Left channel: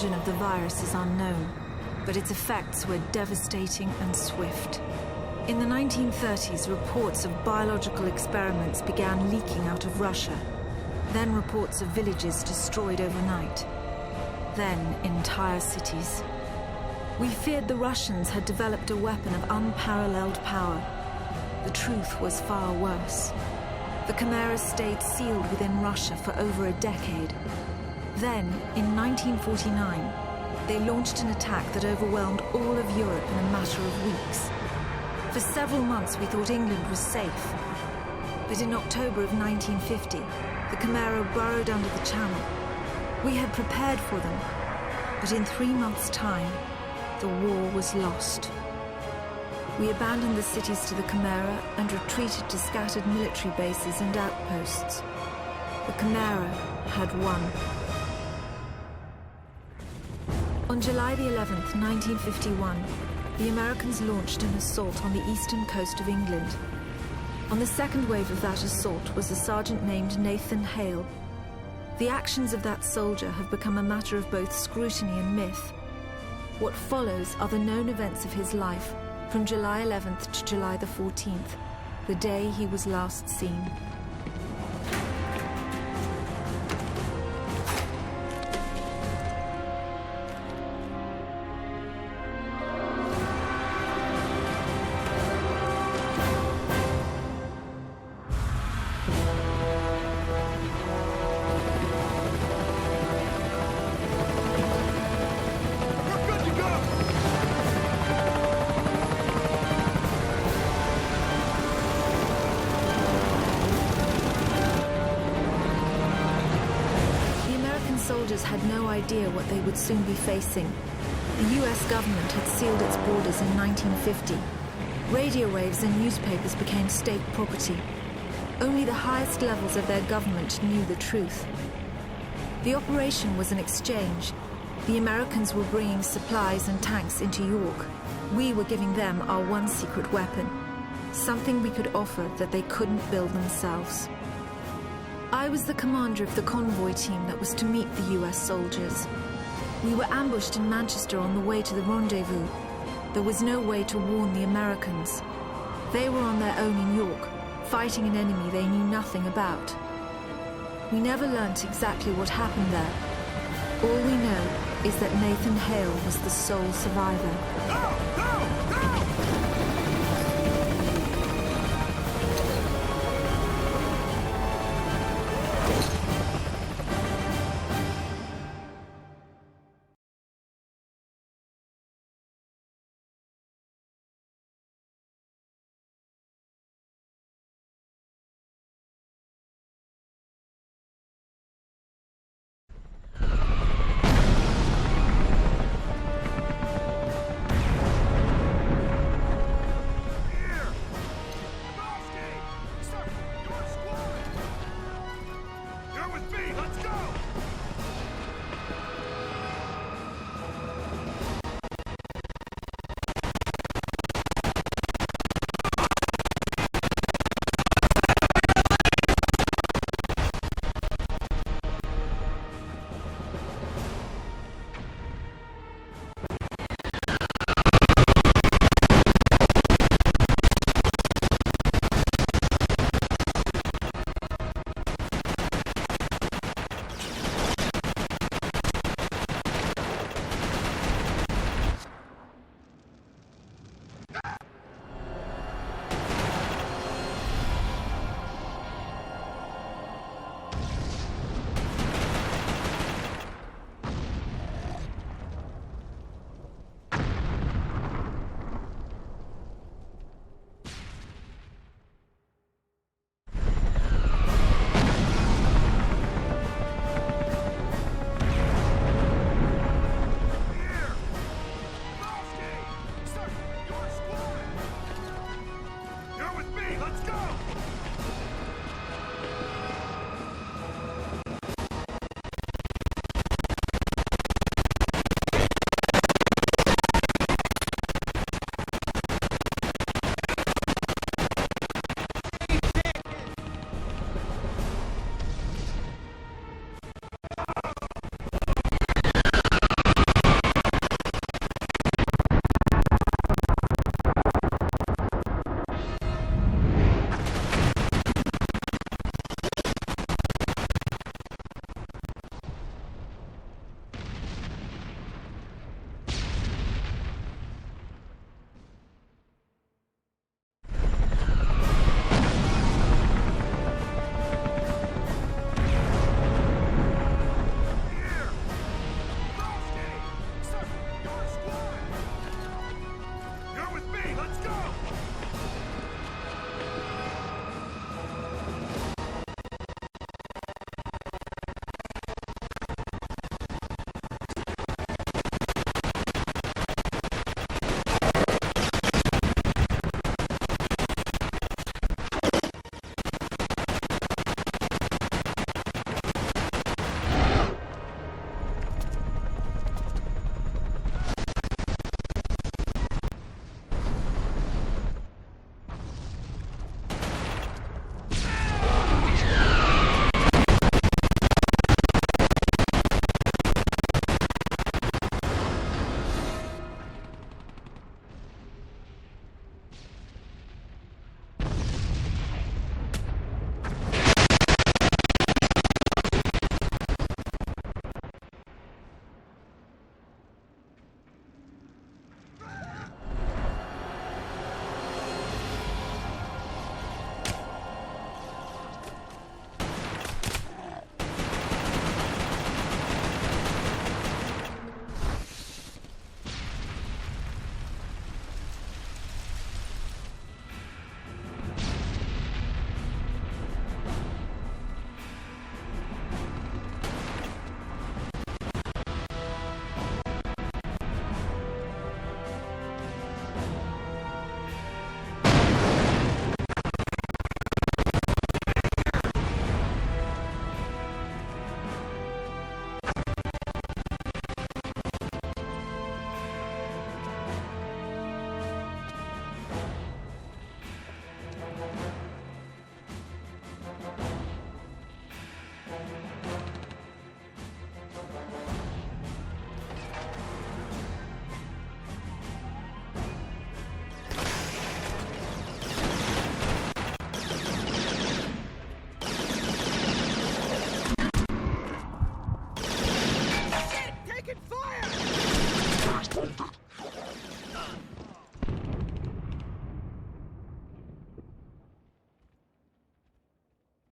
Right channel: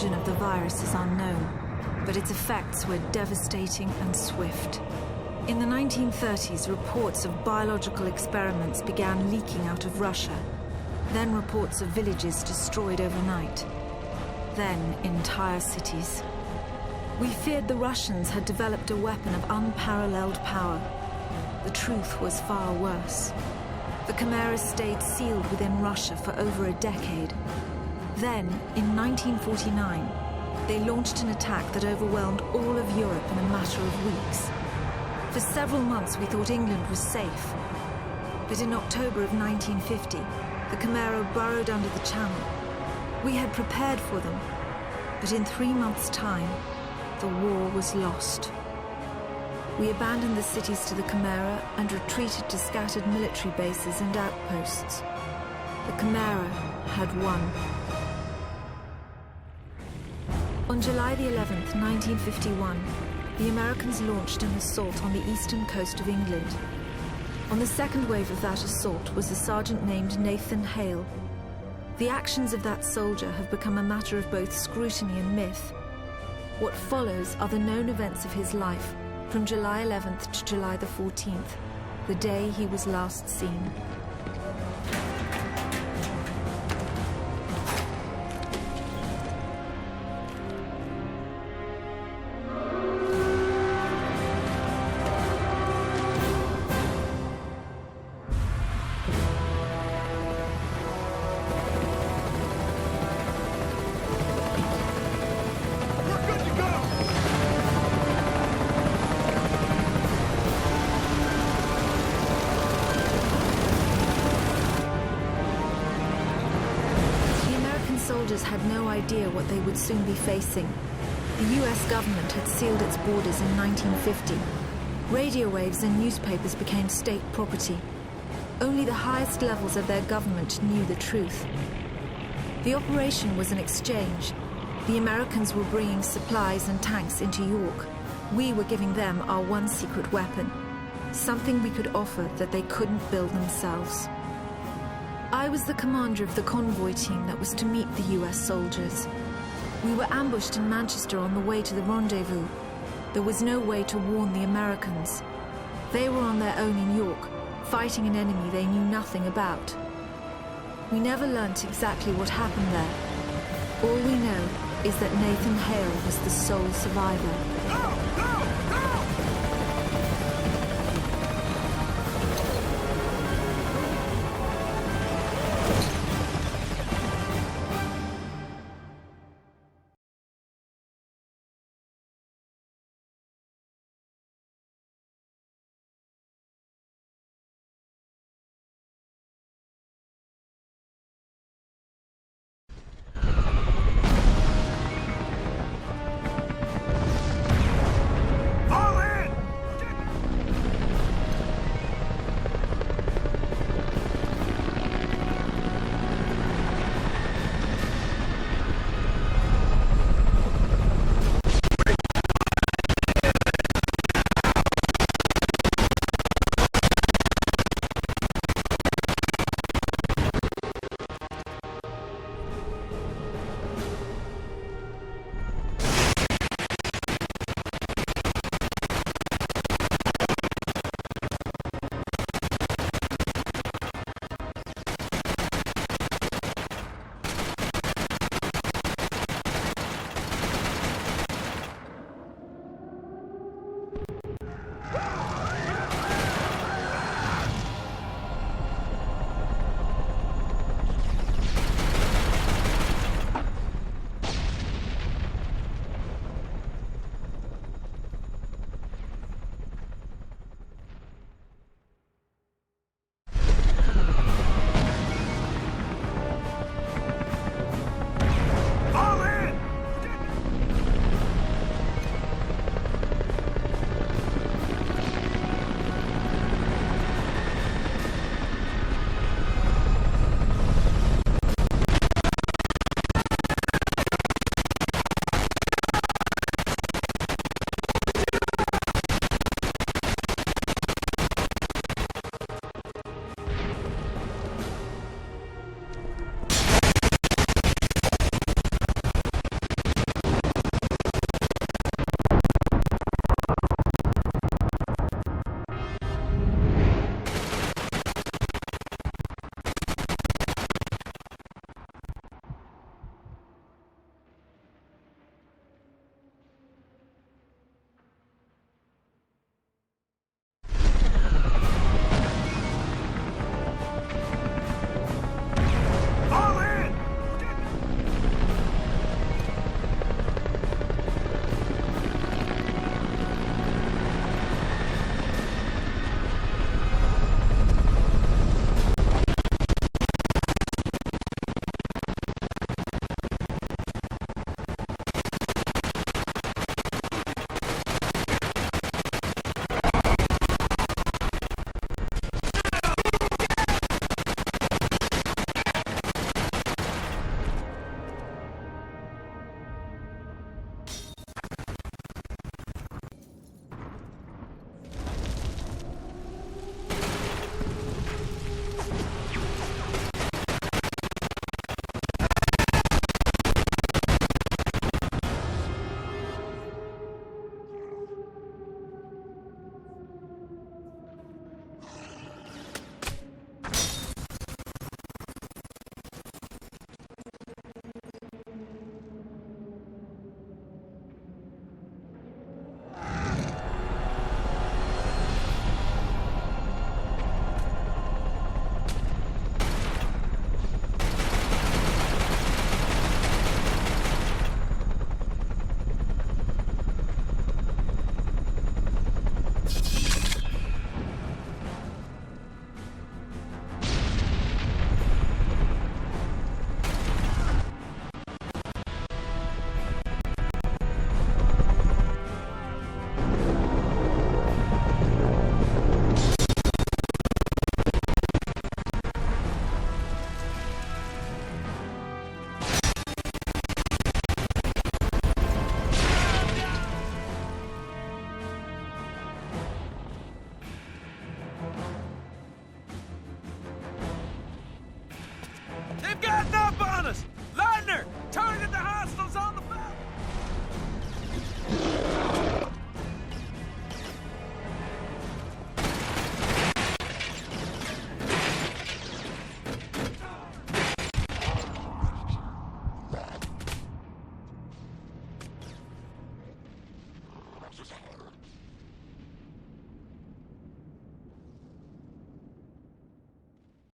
origin of the virus is unknown, but its effects were devastating and swift. In the 1930s, reports of biological experiments began leaking out of Russia. Then reports of villages destroyed overnight. Then entire cities. We feared the Russians had developed a weapon of unparalleled power. The truth was far worse. The chimeras stayed sealed within Russia for over a decade. Then, in 1949, they launched an attack that overwhelmed all of Europe in a matter of weeks. For several months, we thought England was safe. But in October of 1950, the Chimera burrowed under the Channel. We had prepared for them, but in 3 months' time, the war was lost. We abandoned the cities to the Chimera and retreated to scattered military bases and outposts. The Chimera had won. On July the 11th, 1951, the Americans launched an assault on the eastern coast of England. On the second wave of that assault was a sergeant named Nathan Hale. The actions of that soldier have become a matter of both scrutiny and myth. What follows are the known events of his life from July 11th to July the 14th, the day he was last seen. Soldiers had no idea what they would soon be facing. The US government had sealed its borders in 1950. Radio waves and newspapers became state property. Only the highest levels of their government knew the truth. The operation was an exchange. The Americans were bringing supplies and tanks into York. We were giving them our one secret weapon, something we could offer that they couldn't build themselves. I was the commander of the convoy team that was to meet the US soldiers. We were ambushed in Manchester on the way to the rendezvous. There was no way to warn the Americans. They were on their own in York, fighting an enemy they knew nothing about. We never learnt exactly what happened there. All we know is that Nathan Hale was the sole survivor.